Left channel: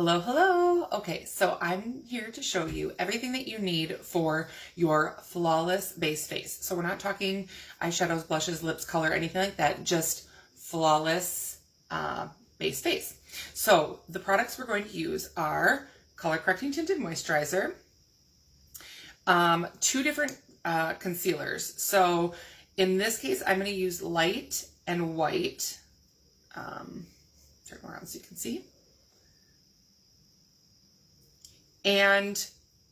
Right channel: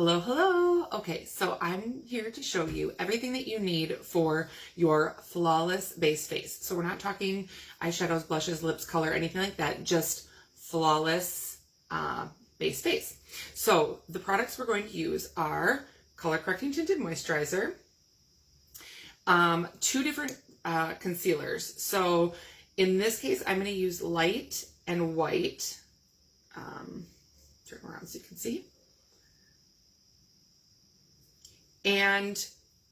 Hello, hello. Okay, so I'm here to show you everything that you need for your flawless base face. So we're not talking eyeshadows, blushes, lips, color, anything like that, just flawless base face. So the products we're going to use are Color Correcting Tinted Moisturizer, two different concealers. So in this case, I'm going to use light and white. Turn around so you can see. And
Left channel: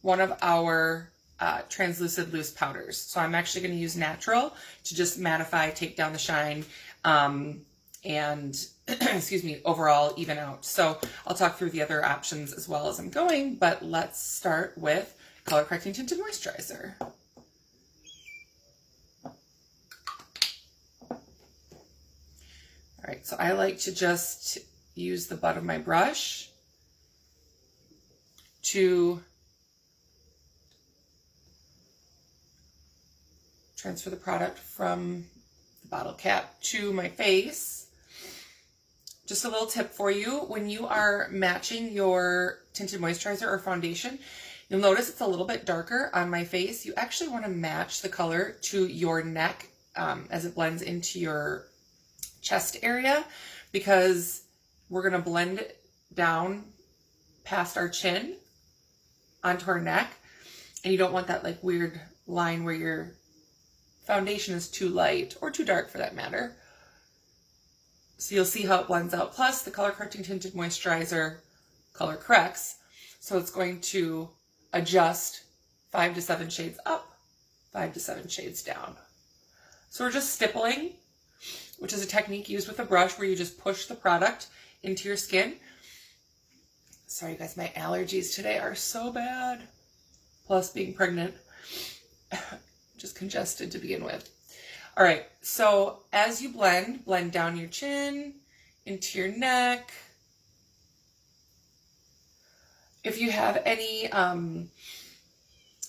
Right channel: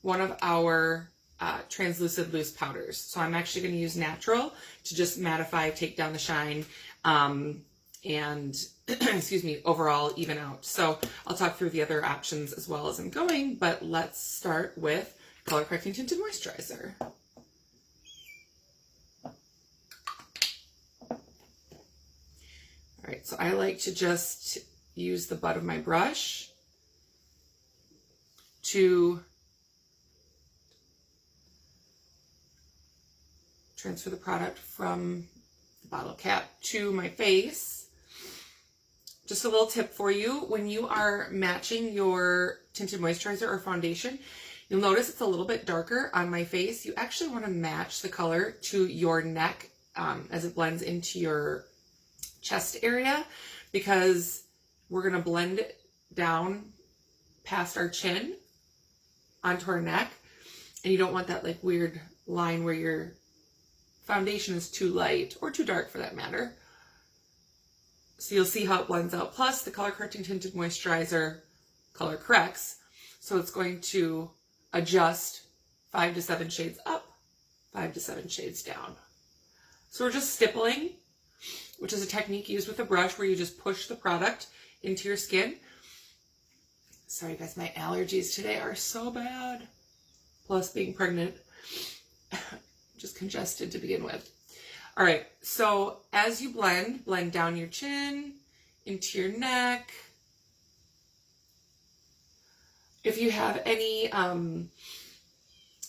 one of our translucid loose powders. So I'm actually going to use natural to just mattify, take down the shine, and excuse me, overall even out. So I'll talk through the other options as well as I'm going, but let's start with Color Correcting Tinted Moisturizer. All right, so I like to just use the butt of my brush to transfer the product from the bottle cap to my face. Just a little tip for you, when you are matching your tinted moisturizer or foundation, you'll notice it's a little bit darker on my face. You actually want to match the color to your neck as it blends into your chest area, because we're going to blend down past our chin onto our neck, and you don't want that like weird line where your foundation is too light or too dark for that matter. So you'll see how it blends out. Plus the Color Correcting Tinted Moisturizer color corrects, so it's going to adjust 5 to 7 shades up, 5 to 7 shades down. So we're just stippling, which is a technique used with a brush where you just push the product into your skin. Sorry guys, my allergies today are so bad. Plus being pregnant, just congested to begin with. All right, so as you blend down your chin, into your neck. If you have any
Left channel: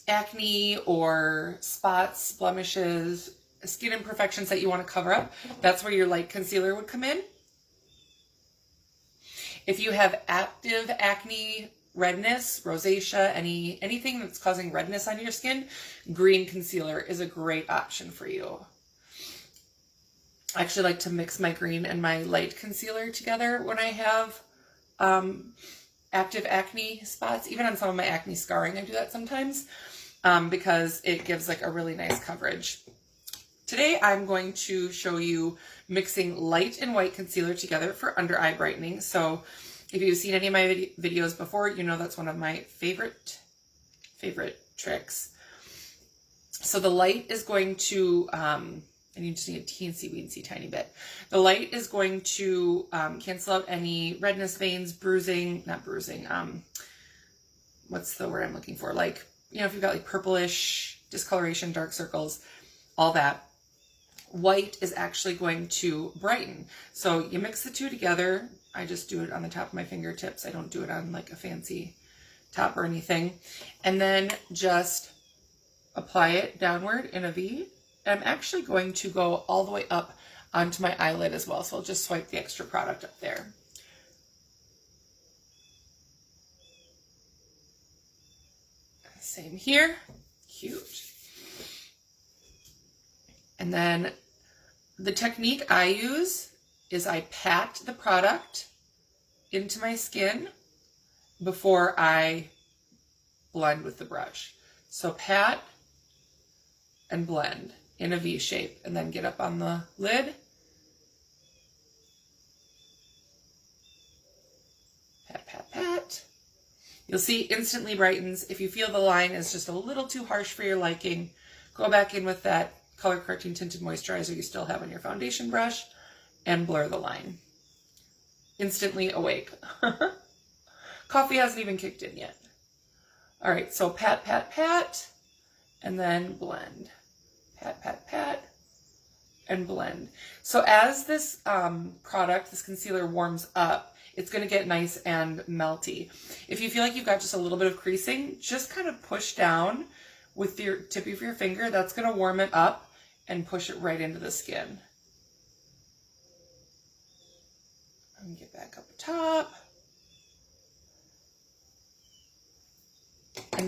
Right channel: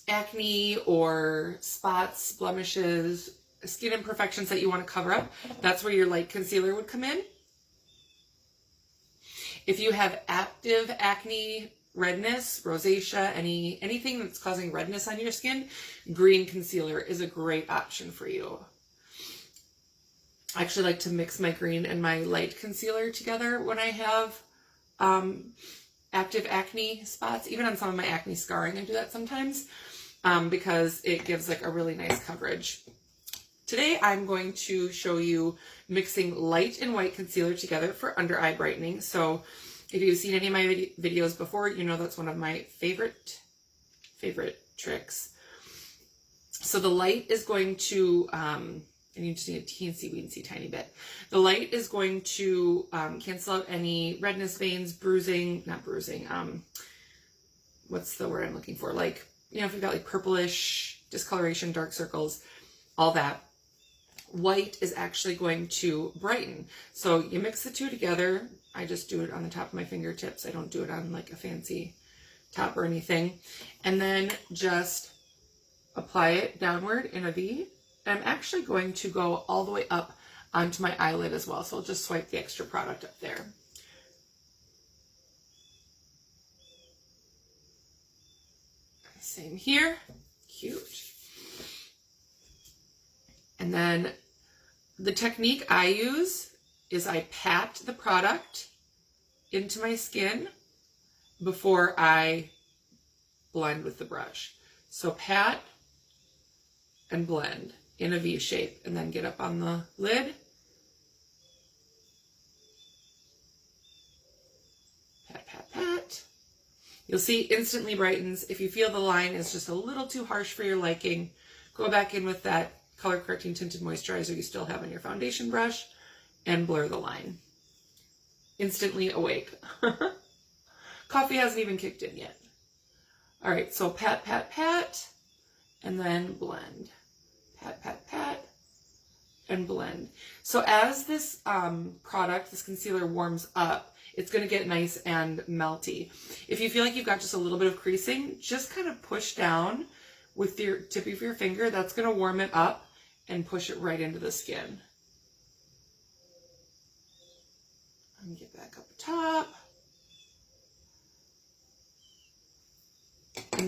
acne or spots, blemishes, skin imperfections that you want to cover up, that's where your light concealer would come in. If you have active acne, redness, rosacea, anything that's causing redness on your skin, green concealer is a great option for you. I actually like to mix my green and my light concealer together when I have active acne spots. Even on some of my acne scarring, I do that sometimes because it gives like a really nice coverage. Today, I'm going to show you mixing light and white concealer together for under eye brightening. So if you've seen any of my videos before, you know that's one of my favorite tricks. So the light is going to, I need to see a teensy tiny bit. The light is going to cancel out any redness, veins, bruising, not bruising, what's the word I'm looking for? Like, you know, if you've got like purplish discoloration, dark circles, all that. White is actually going to brighten. So you mix the two together. I just do it on the top of my fingertips. I don't do it on like a fancy top or anything. And then just apply it downward in a V. I'm actually going to go all the way up onto my eyelid as well. So I'll just swipe the extra product up there. Same here. Cute. And then the technique I use is I pat the product into my skin before I blend with the brush. So pat and blend in a V shape, and then get up on the lid. Pat, pat, pat. You'll see instantly brightens. If you feel the line is just a little too harsh for your liking, go back in with that Color Correcting Tinted Moisturizer you still have on your foundation brush and blur the line. Instantly awake. Coffee hasn't even kicked in yet. All right, so pat, pat, pat, and then blend. Pat, pat, pat, and blend. So as this product, this concealer warms up, it's going to get nice and melty. If you feel like you've got just a little bit of creasing, just kind of push down with your tip of your finger. That's going to warm it up and push it right into the skin. And get back up top.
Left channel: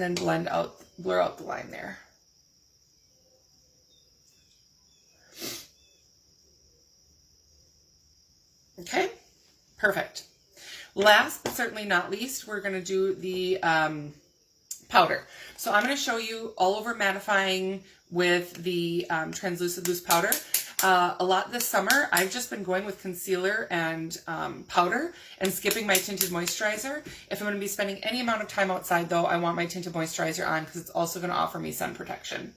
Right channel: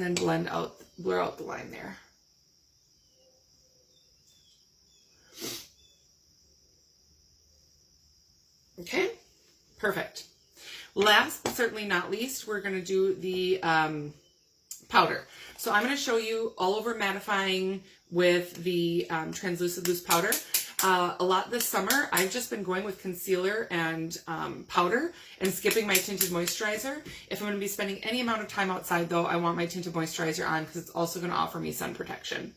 and then blur out the line there. Okay, perfect. Last but certainly not least, we're going to do the powder. So I'm going to show you all over mattifying with the Translucid Loose Powder. A lot this summer, I've just been going with concealer and powder and skipping my tinted moisturizer. If I'm going to be spending any amount of time outside, though, I want my tinted moisturizer on because it's also going to offer me sun protection.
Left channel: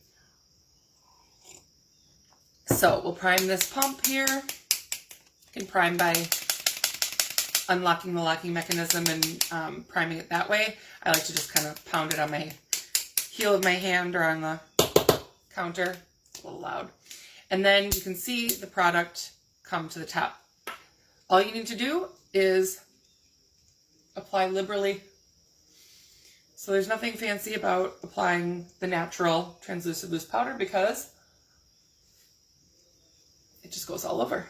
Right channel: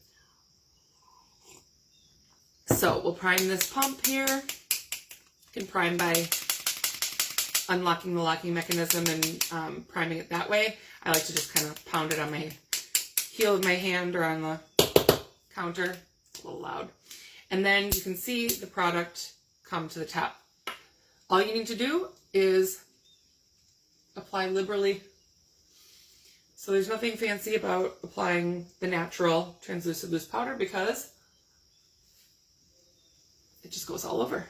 So we'll prime this pump here. You can prime by unlocking the locking mechanism and priming it that way. I like to just kind of pound it on my heel of my hand or on the counter. It's a little loud. And then you can see the product come to the top. All you need to do is apply liberally. So there's nothing fancy about applying the natural Translucid Loose Powder because it just goes all over.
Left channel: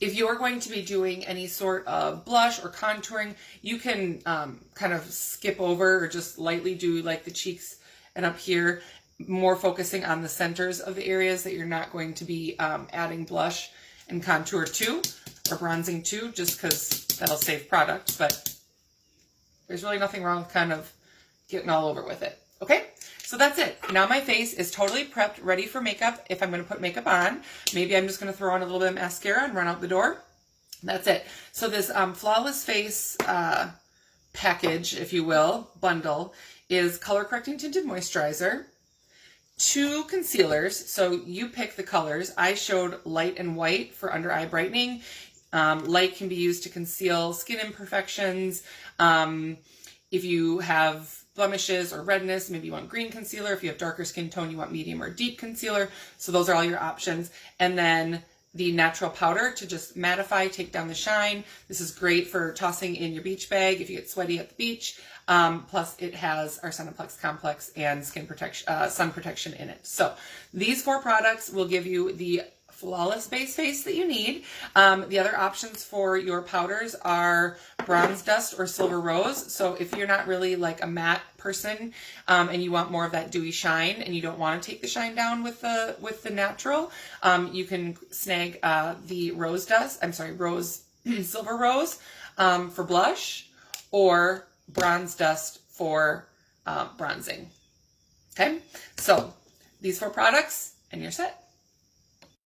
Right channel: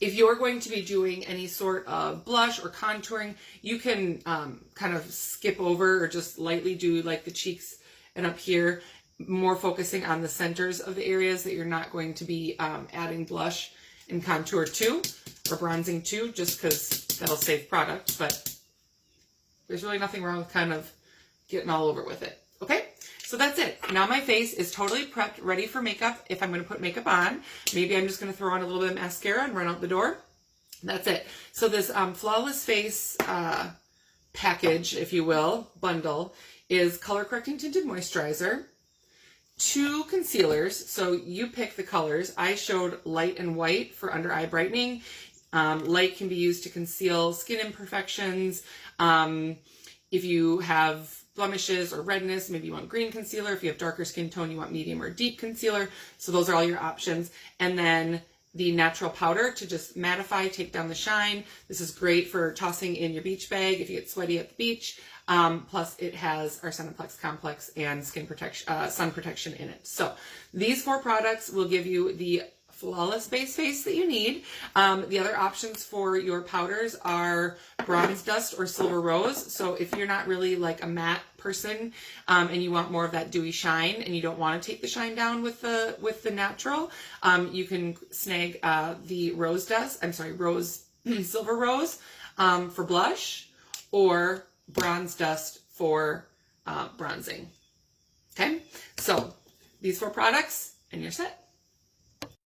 If you're going to be doing any sort of blush or contouring, you can kind of skip over or just lightly do like the cheeks and up here, more focusing on the centers of the areas that you're not going to be adding blush and contour to or bronzing to, just because that'll save product. But there's really nothing wrong with kind of getting all over with it. Okay? So that's it. Now my face is totally prepped, ready for makeup. If I'm going to put makeup on, maybe I'm just going to throw on a little bit of mascara and run out the door. That's it. So this Flawless Face package, if you will, bundle, is Color Correcting Tinted Moisturizer, 2 concealers. So you pick the colors. I showed light and white for under eye brightening. Light can be used to conceal skin imperfections. If you have blemishes or redness, maybe you want green concealer. If you have darker skin tone, you want medium or deep concealer. So those are all your options. And then the natural powder to just mattify, take down the shine. This is great for tossing in your beach bag if you get sweaty at the beach. Plus it has our Cineplex Complex and skin protection, sun protection in it. So these 4 products will give you the flawless base face that you need. The other options for your powders are Bronze Dust or Silver Rose. So if you're not really like a matte person and you want more of that dewy shine and you don't want to take the shine down with the natural, you can snag the Silver Rose for blush, or Bronze Dust for bronzing. Okay, so these 4 products and you're set.